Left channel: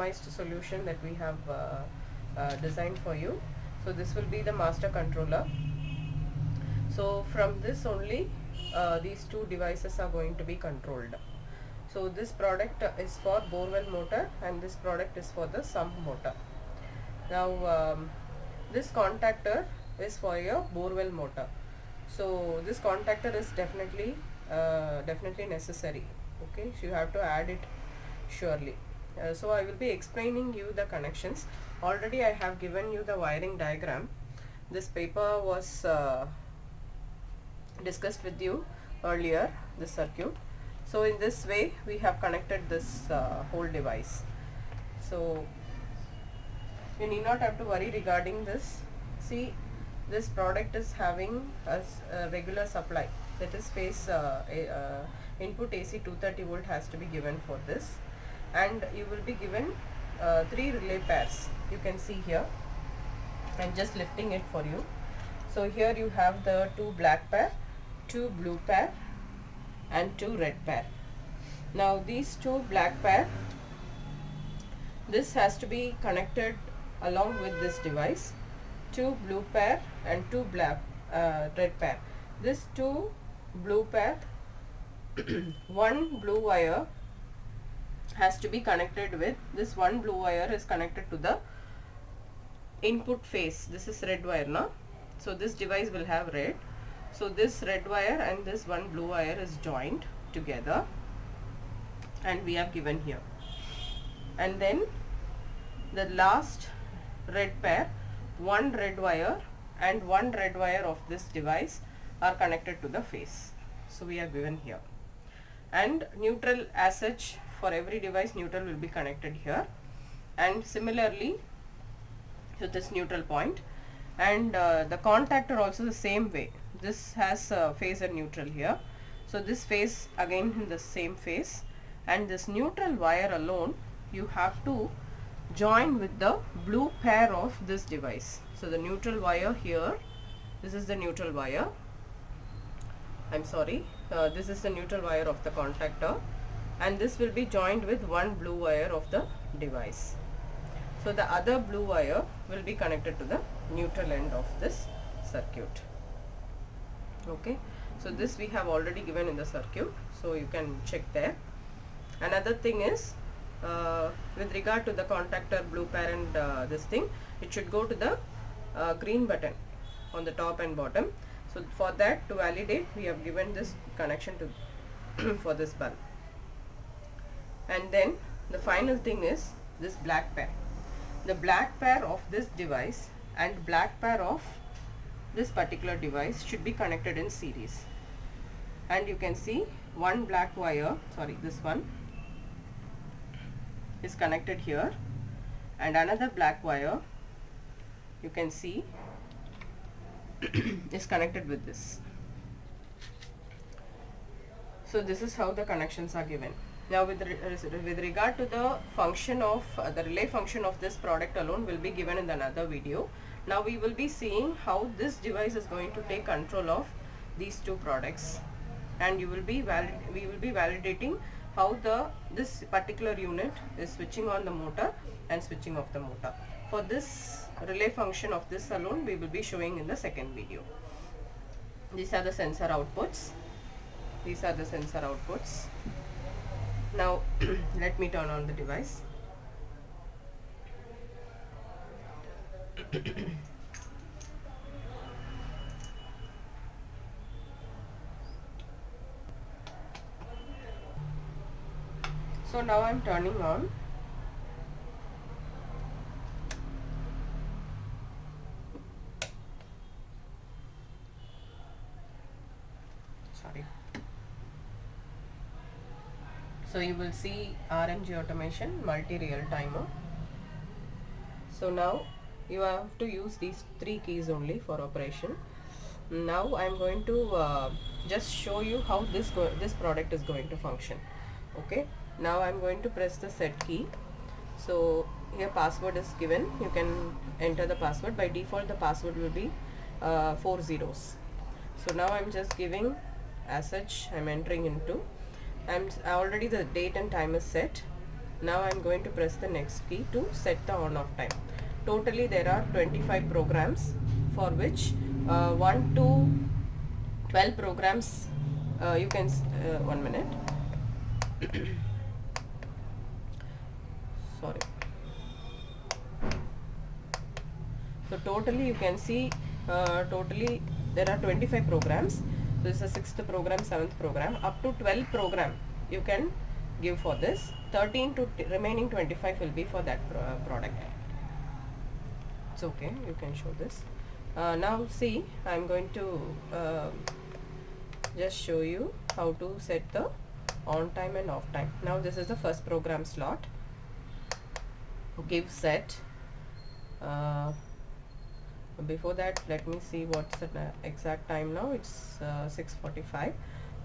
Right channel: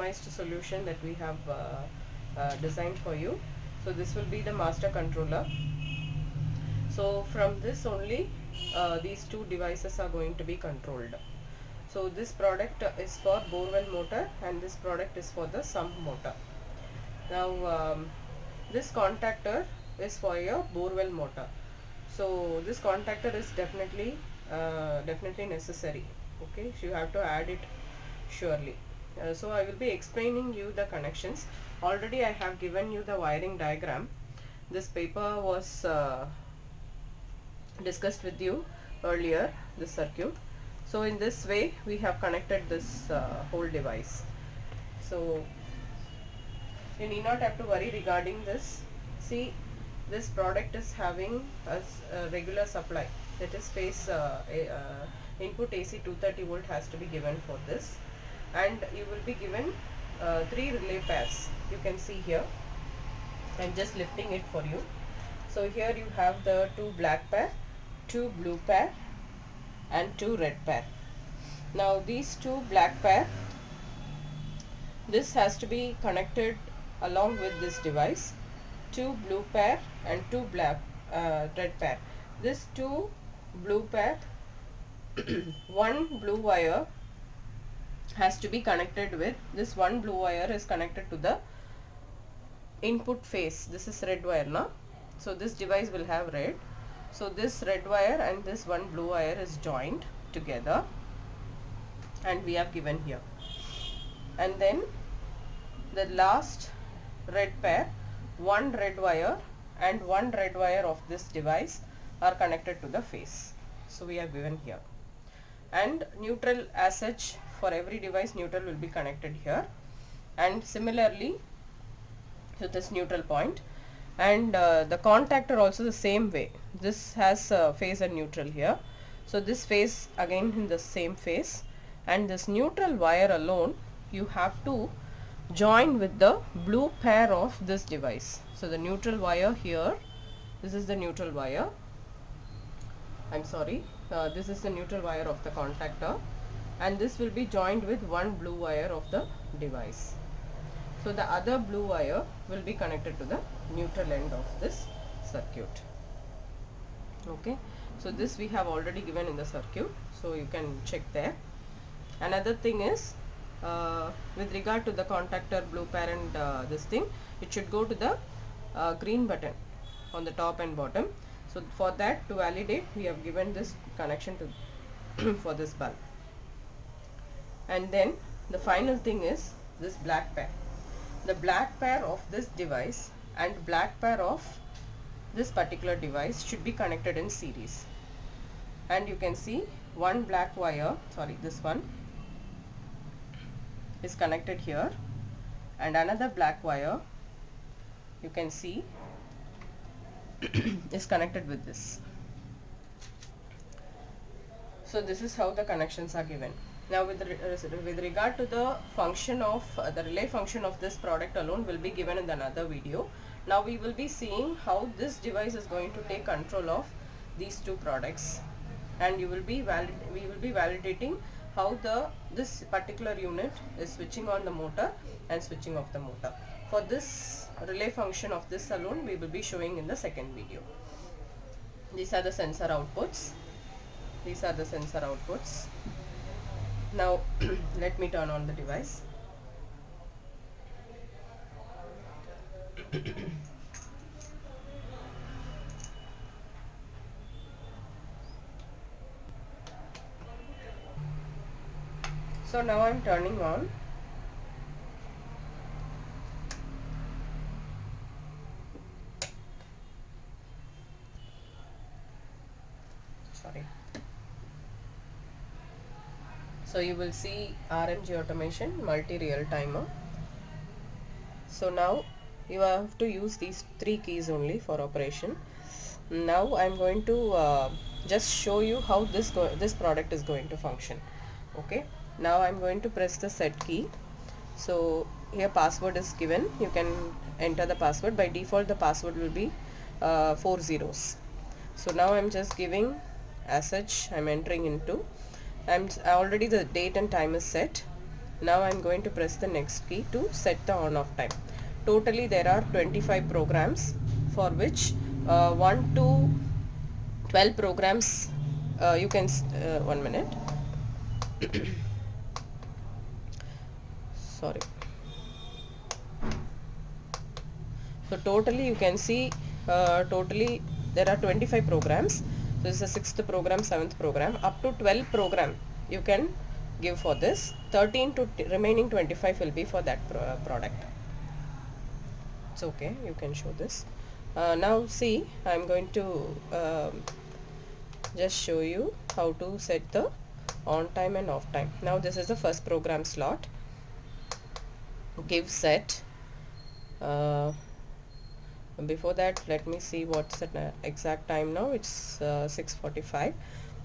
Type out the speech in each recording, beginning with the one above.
customized solution that we have designed for you. So this will be the master controller. So from this only these two devices are going to be controlled. So this product is for Borewell motor and this product is for the Sump motor. Now this contactor is for your Borewell motor. So this contactor is definitely necessary. Okay, so you have to add it surely. So I will be explaining you the connections. Already I have given you the wiring diagram. This paper was discussed with you earlier, this circuit. So in this way we have connected this whole device. So you need not have to worry regarding this. See, this product is having a regular supply, that is phase input AC 230 volt has to be given for this, and you will be given 3 relay pairs. You can see here, I'm just lifting it for you. So here you have the 2 black pair, 2 blue pair and 2 red pair. Now these 2 black pair, this has to be connected along with this device, 2 blue pair and 2 black red pair. This 2 blue pair one blue wire has to be connected with this. One blue wire is connected to the input phase. This is red wire now, so this device will have red. So this red wire and this one blue wire is joined together and we have given here, and then the last red pair, one red wire and one red wire of this device are connected to the phase. So we have given here, and neutral as such for every device, neutral will be connected here, and similarly to this neutral point, and the contactor also the same way. This has phase and neutral here, so this phase again in the same phase, and this neutral wire alone you have to join with the blue pair of this device. So the neutral wire here, this is the neutral wire, I'm sorry, this is the neutral wire of the contactor, and this will be joined with one blue wire of the device. So the other blue wire will be connected to the neutral end of this circuit. Okay, so this we have already given in the circuit, so you can check there. Another thing is, with regard to the contactor blue pair and this thing, it should go to the green button on the top and bottom. So for that, to validate, we have given this connection to for this bulb. And then the final thing is this black pair. The black pair of this device and black pair of this particular device should be connected in series. And you can see one black wire, sorry, this one is connected here, and another black wire you can see is connected with this. So this is how the connections are given. Now with regard to the function of the relay function of this product alone will be given in another video. Now we will be seeing how this device is going to take control of these two products, and we will be validating how this particular unit is switching on the motor and switching off the motor. For this relay function of this alone, we will be showing in the second video. These are the sensor outputs. These are the sensor outputs. Now let me turn on the device. So now I'm turning on. Sorry. So you will see RMG automation multi real timer. So now you have to use these 3 keys only for operation. Now I'm going to just show you how this product is going to function. Okay, now I'm going to press the set key. So here password is given, you can enter the password. By default the password will be 4 zeros. So now I'm just giving as such, I'm entering into, already the date and time is set. Now I'm going to press the next key to set the on off time. Totally there are 25 programs, for which 1 to 12 programs you can 1 minute sorry. So totally you can see totally there are 25 programs. This is the 6th program, 7th program, up to 12 program you can give for this. 13 to remaining 25 will be for that product. It's okay, you can show this. Now see, I'm going to just show you how to set the on time and off time. Now this is the first program slot. Give set. Before that, let me see what's the exact time now. It's 6:45.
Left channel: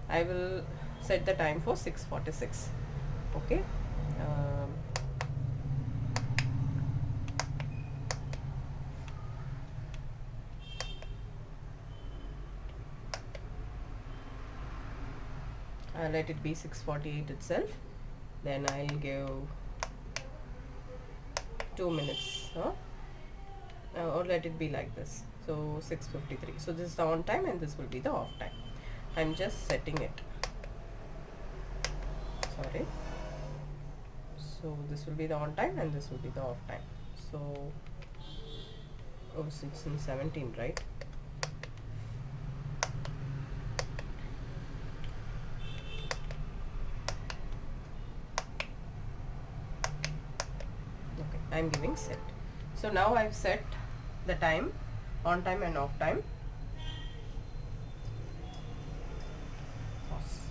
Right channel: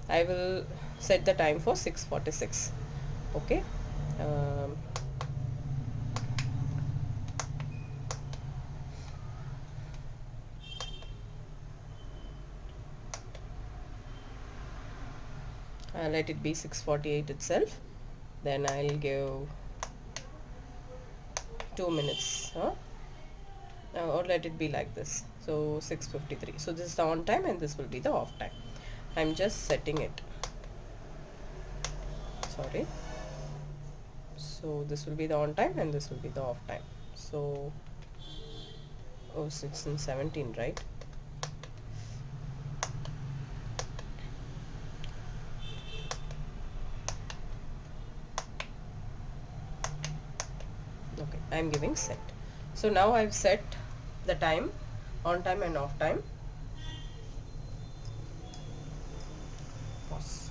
I will set the time for 6:46. Okay. Let it be 6:48 itself. Then I'll give 2 minutes. Or let it be like this. So 6:53. So this is the on time and this will be the off time. I'm just setting it. Sorry. So this will be the on time and this will be the off time. So 6 and 17, right? Okay, I'm giving set. So now I've set the time, on time and off time. Pause.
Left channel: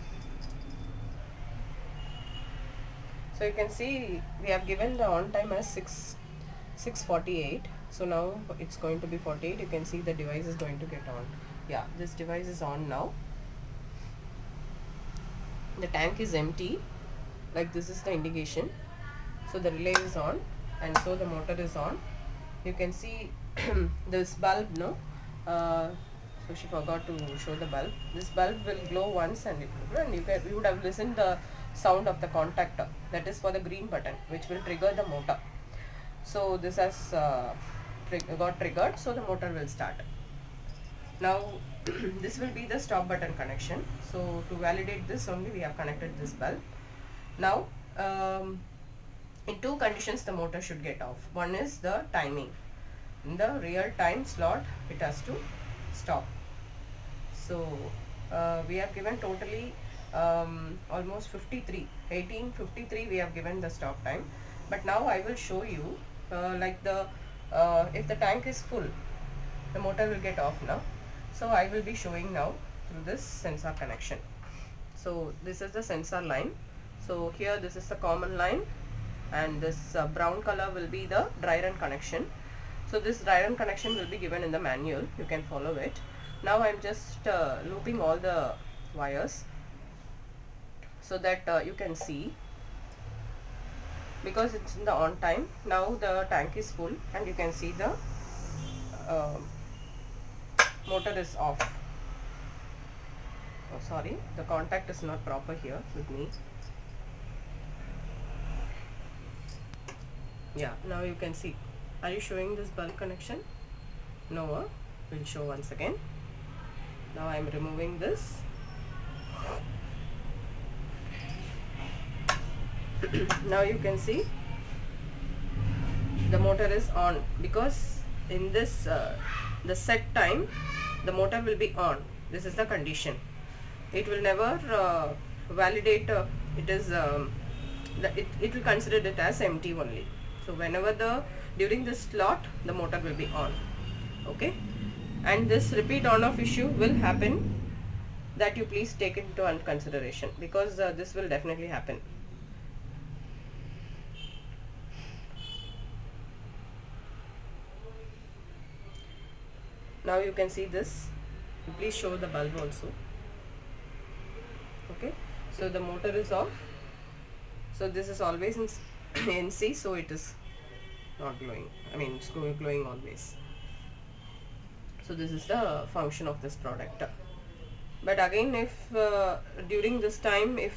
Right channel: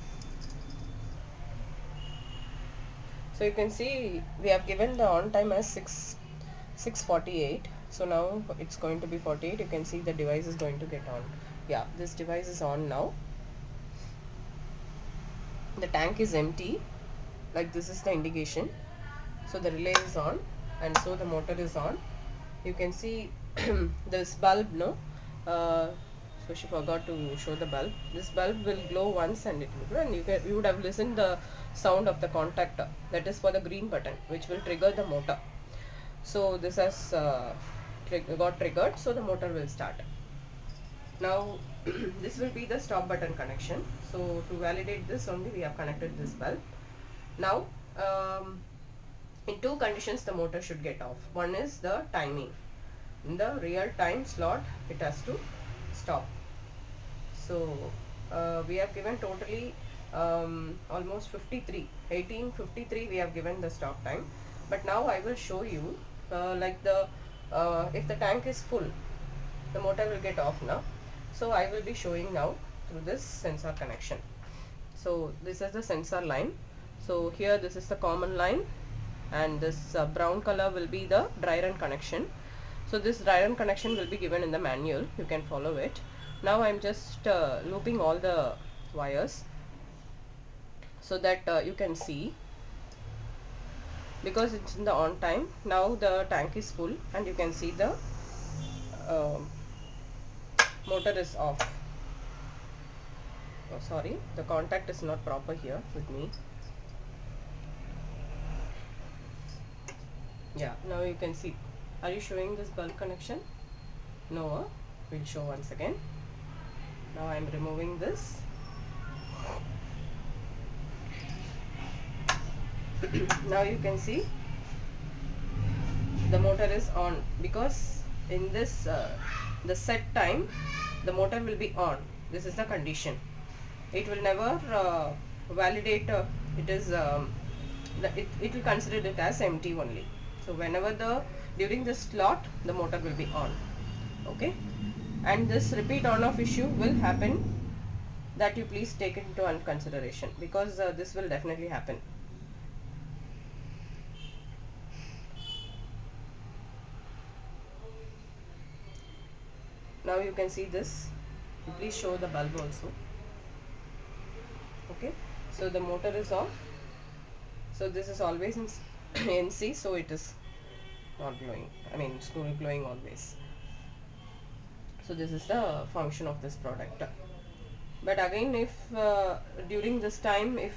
So you can see we have given the on time as 6:48. So now it's going to be 48. You can see the device is going to get on. Yeah, this device is on now. The tank is empty, like this is the indication. So the relay is on and so the motor is on. You can see this bulb, no? So she forgot to show the bulb. This bulb will glow once and it will glow, and you would have listened the sound of the contactor. That is for the green button, which will trigger the motor. So this has got triggered, so the motor will start. Now this will be the stop button connection. So to validate this only we have connected this bulb. Now in two conditions the motor should get off. One is the timing. In the real time slot it has to stop. So we have given totally almost 18:53 we have given the stop time. But now I will show you like the if the tank is full, the motor will get off now. So I will be showing now through this sensor connection. So this is the sensor line. So here this is the common line, and this brown color will be the dry run connection. So this dry run connection will be given in the manual. You can follow it. Now I'm just looping all the wires so that you can see, because it's in the on time. Now the tank is full and you can see the motor is off. Oh, sorry, the contact is not proper here with me. Yeah, now you can see. Are you showing this bulb connection? No, we'll show once again. Now I'm removing this. Now you can see the motor is on, because in this the set time the motor will be on. This is the condition. It will never validate it will consider it as empty only. So whenever during this slot the motor will be on. Okay, and this repeat on off issue will happen, that you please take it into consideration, because this will definitely happen. Now you can see this. Please show the bulb also. Okay, so the motor is off. So this is always in NC, so it is not glowing. I mean it's glowing always. So this is the function of this product. But again, if during this time if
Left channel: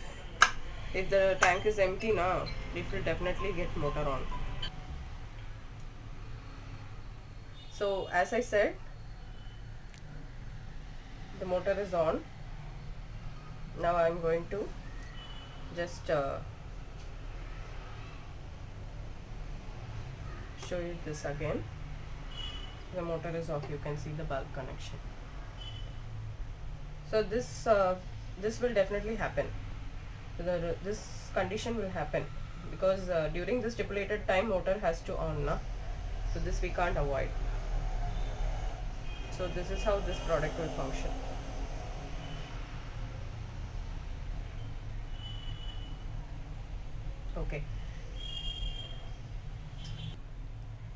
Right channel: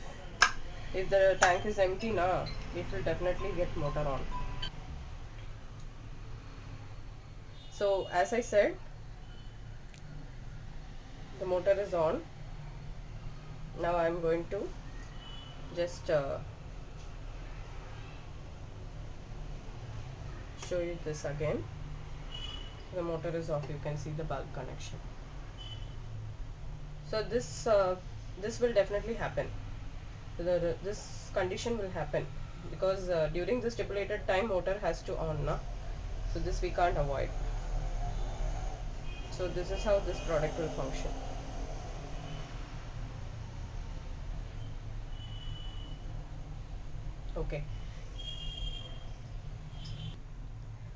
If the tank is empty now, it will definitely get motor on. So as I said, the motor is on. Now I am going to just show you this again. The motor is off. You can see the bulb connection. So this will definitely happen. This condition will happen because during the stipulated time motor has to on now. So this we can't avoid. So this is how this product will function. Okay.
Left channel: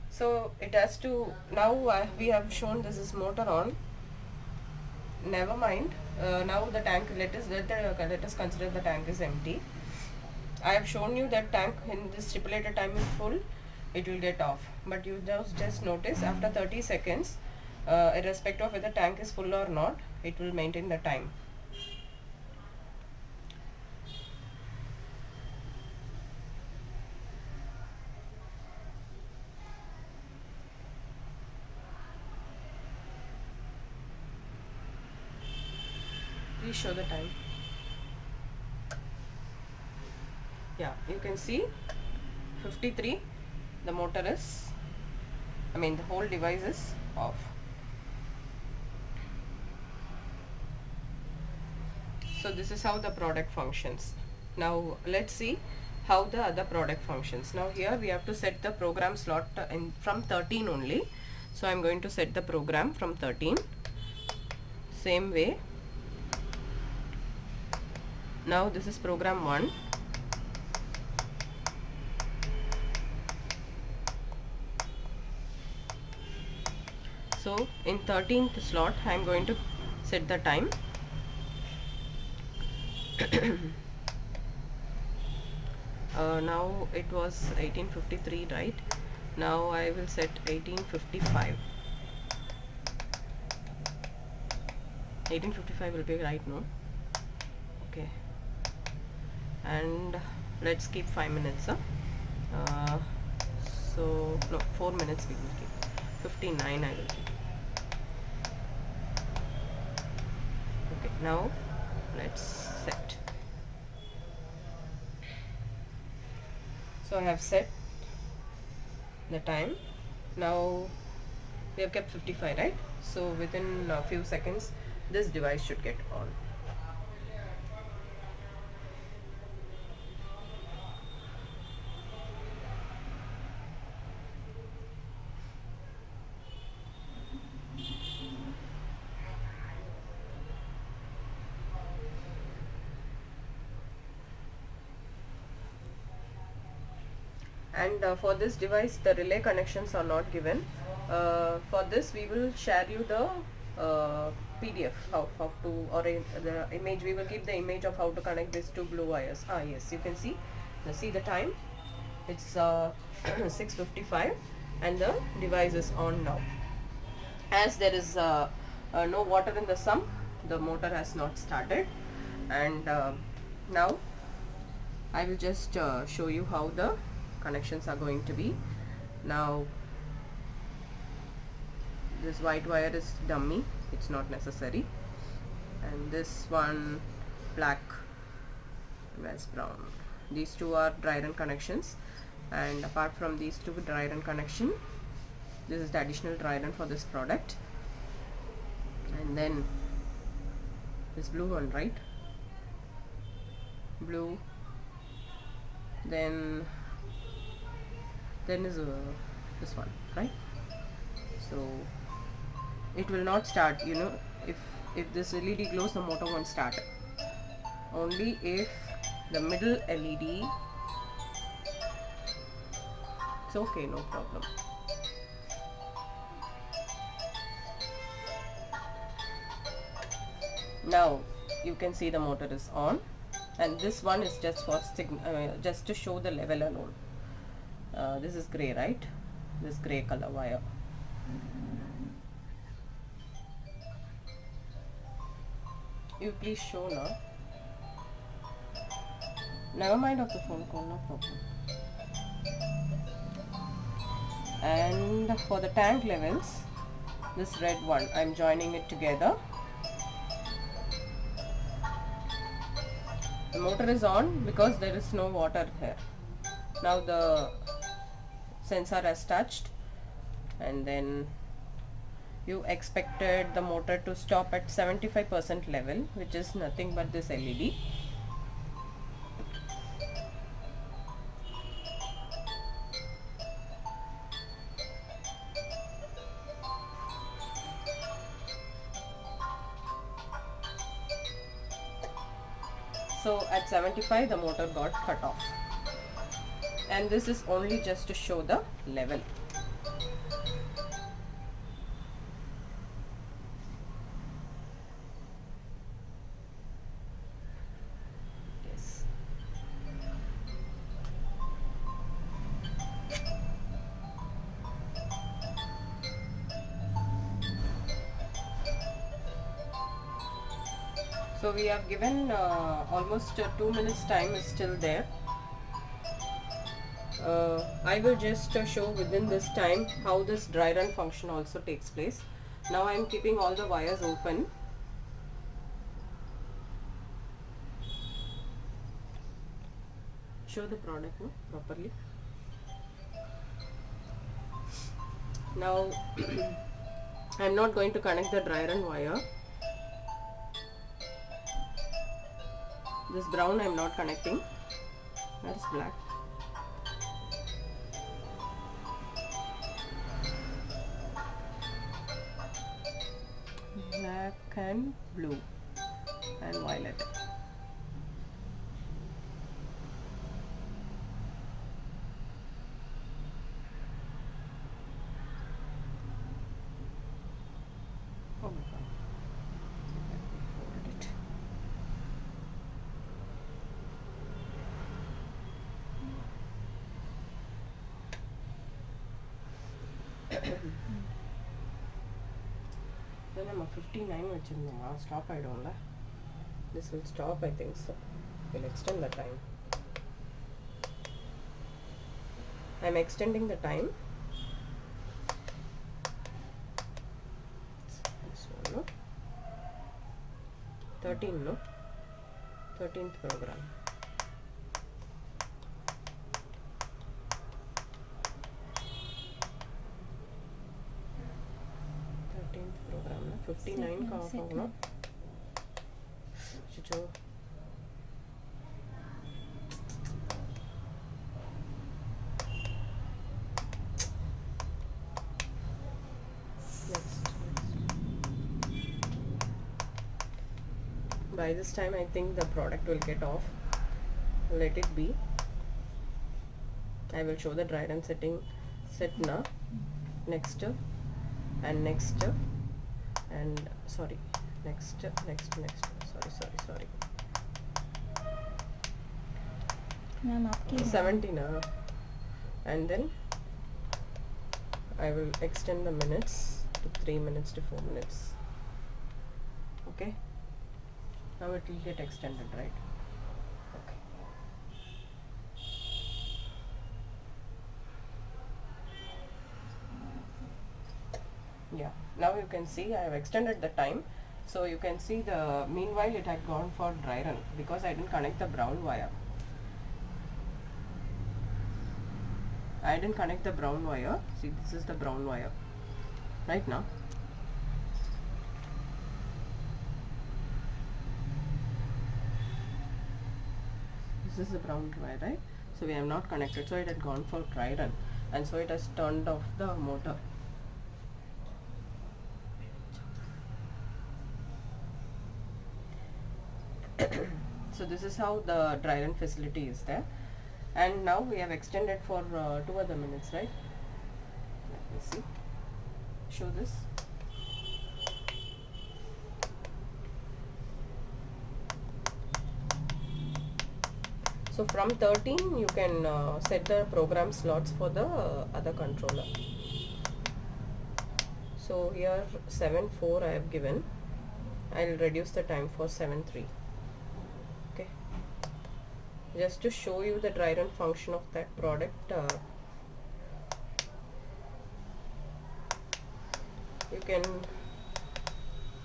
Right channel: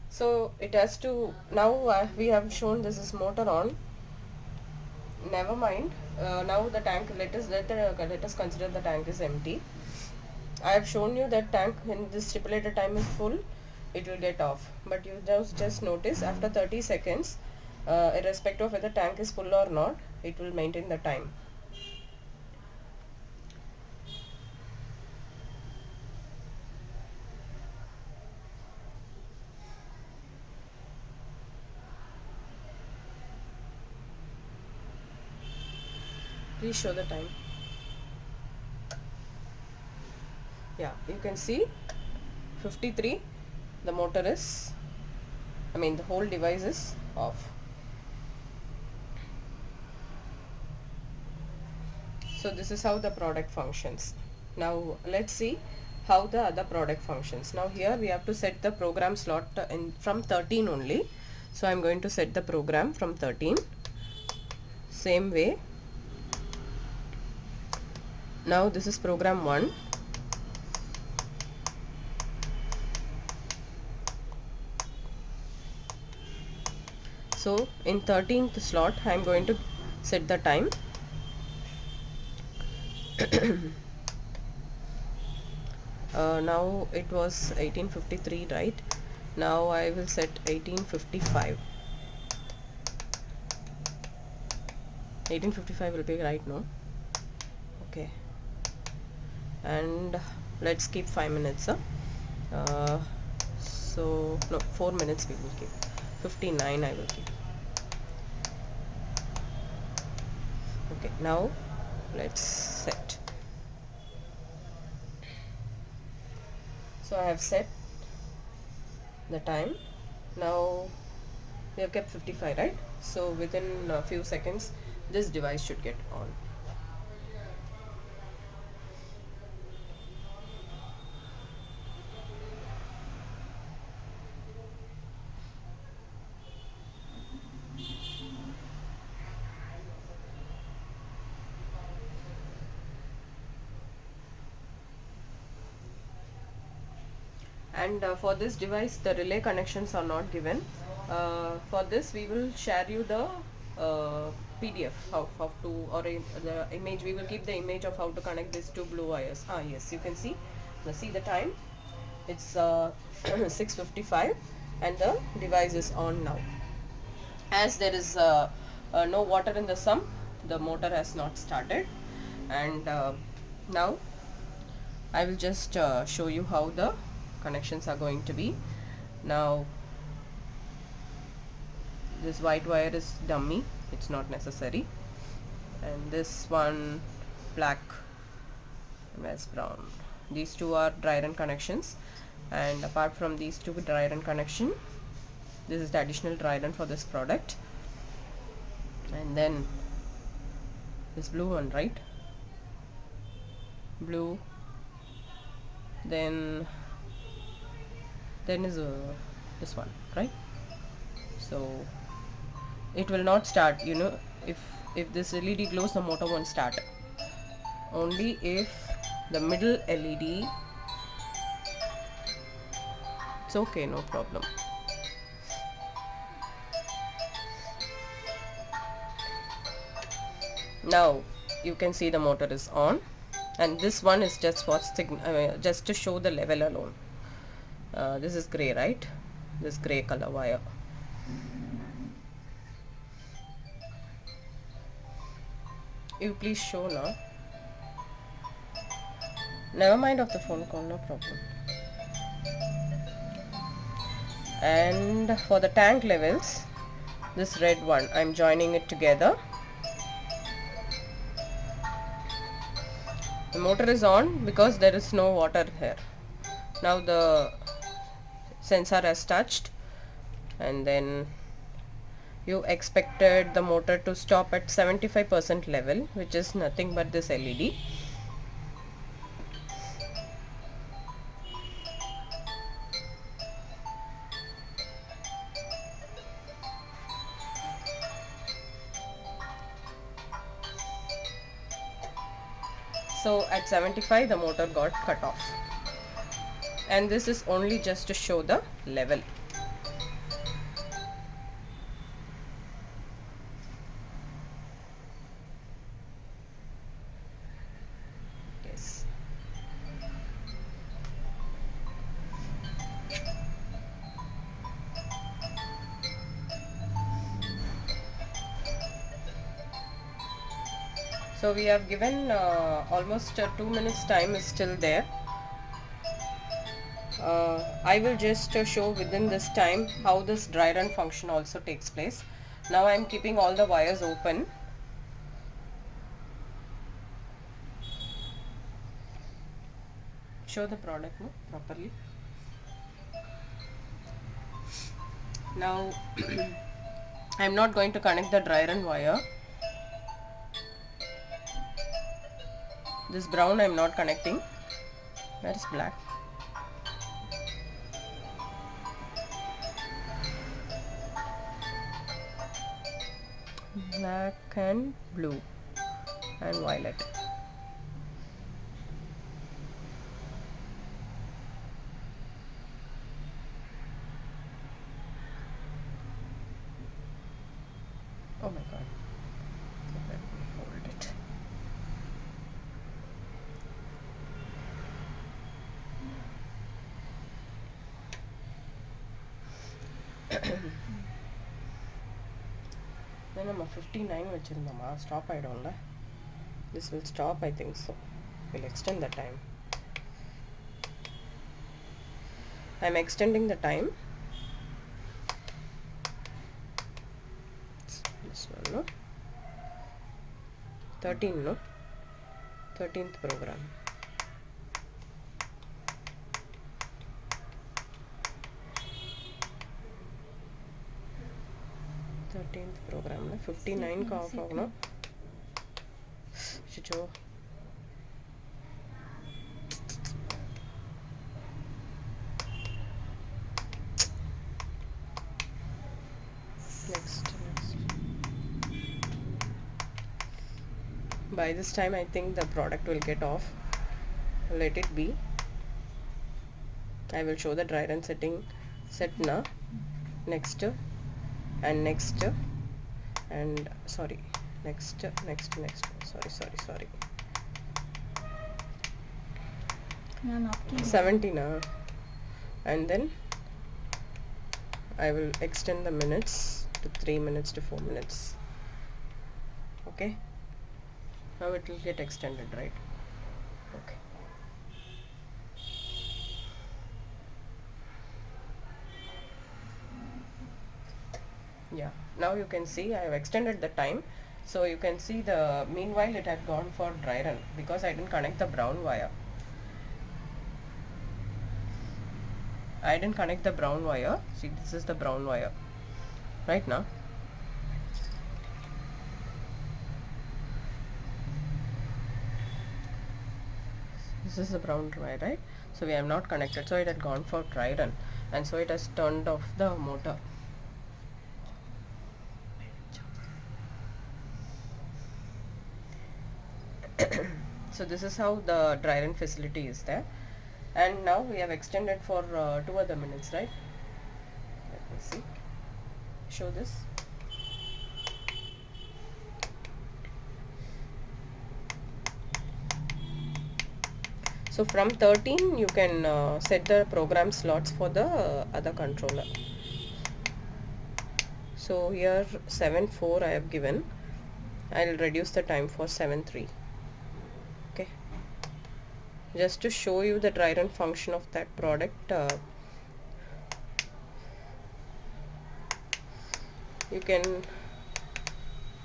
So it has to, now we have shown this is motor on. Never mind. Now the tank, let us consider the tank is empty. I have shown you that tank when this stipulated time is full, it will get off. But you just notice after 30 seconds, irrespective of whether tank is full or not, it will maintain the time. Please show the time. Yeah, you can see 53. The motor is, the whole device is off. So this is how the product functions. Now let's see how the other product functions. Now here we have to set the program slot from 13 only. So I'm going to set the program from 13. Same way. Now this is program 1. So in 13th slot I am going to set the time. Now it was 1853, right? Now I will set 1855. 1855 will be right, no? Okay. And let's keep 5 minutes. So no, 4 minutes we will keep. 59 I will keep. Okay, now let's set. So I have set the time. Now we have kept 55, right? So within a few seconds this device should get on. And for this device the relay connections are not given. For this we will share you the PDF how to, or the image. We will keep the image of how to connect these two blue wires. Yes, you can see. Now see the time. It's 6:55 and the device is on now. As there is no water in the sump, the motor has not started. And now I will just show you how the connections are going to be. Now this white wire is dummy, it's not necessary, and this one black as brown. These two are dry run connections, and apart from these two dry run connection, this is the additional dry run for this product. And then this blue one, right? Blue, then is this one, right? So it will not start, if this LED glows, the motor won't start. Only if the middle LED, it's okay, no problem. Now you can see the motor is on, and this one is just for just to show the level alone. This is gray, right? This gray color wire. You please show now. Never mind of the phone call, no problem. And for the tank levels, this red one, I'm joining it together. The motor is on because there is no water here. Now the sensor has touched, and then you expected the motor to stop at 75% level, which is nothing but this LED. So at 75 the motor got cut off, and this is only just to show the level. Yes. So we have given almost 2 minutes time is still there. I will just show within this time how this dry run function also takes place. Now I am keeping all the wires open. Show the product no, properly. Now I am not going to connect the dry run wire. This brown I am not connecting. That is black. Black and blue and violet. Oh my god. Let me hold it. Then I'm 59 vechirundama stop aidumla. This will stop, I think so. We'll extend the time. I'm extending the time. This one, no? 13, no? 13th program. program 59 का of होगा जो next. By this time I think the product will get off. Let it be. I will show the dry run setting set now. Next and next and sorry, next sorry ma'am आपकी 70 now, and then I will extend the minutes to 3 minutes to 4 minutes. Okay, now it will get extended, right? Okay. Yeah, now you can see I have extended the time, so you can see the meanwhile it had gone for dry run because I didn't connect the brown wire. I didn't connect the brown wire. See, this is the brown wire right now. This is the brown wire, right? So we have not connected, so it had gone for dry run, and so it has turned off the motor. So this is how the dry run facility is there, and now we have extended for 2 other minutes, right? Let me see. Show this. So from 13 you can set the program slots for the other controller. So here 7.4 I have given. I'll reduce the time for 7.3. Okay. Just to show you the dry run function of that product, you can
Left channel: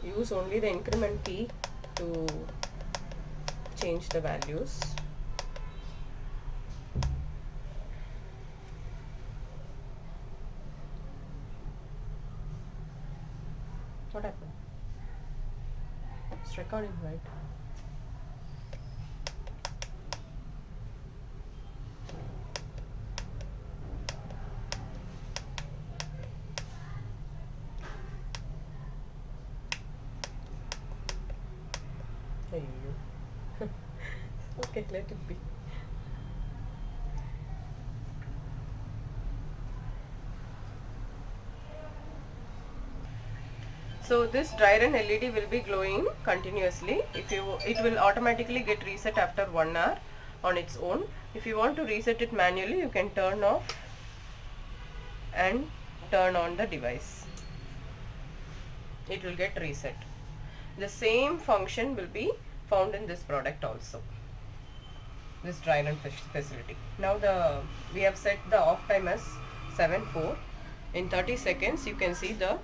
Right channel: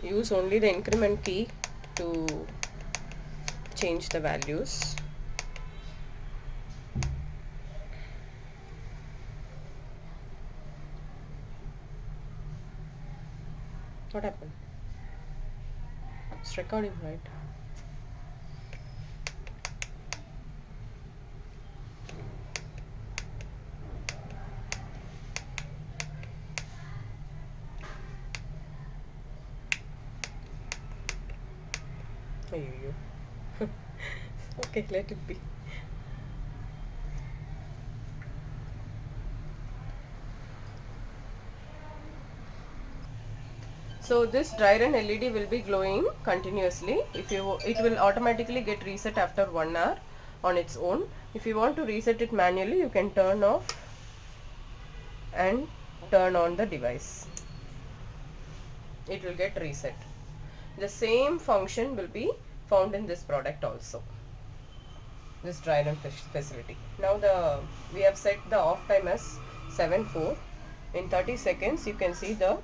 use only the increment key to change the values. What happened? It's recording, right? Ayyo. Okay, let it be. So this dry run LED will be glowing continuously. It will automatically get reset after 1 hour on its own. If you want to reset it manually, you can turn off and turn on the device. It will get reset. The same function will be found in this product also, this dry run facility. Now we have set the off time as 7:04. In 30 seconds you can see the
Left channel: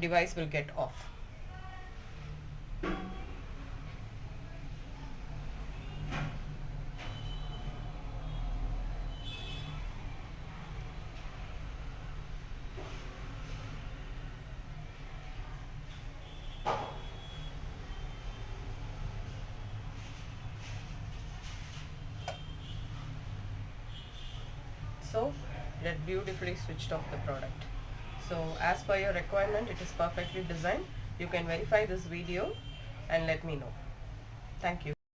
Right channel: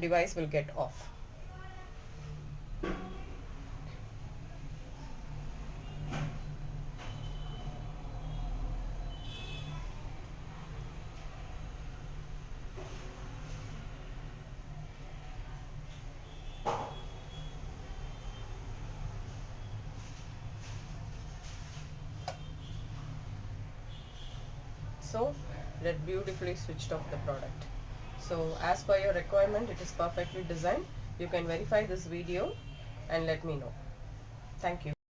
device will get off. So that beautifully switched off the product. So as per your requirement, it is perfectly designed. You can verify this video and let me know. Thank you.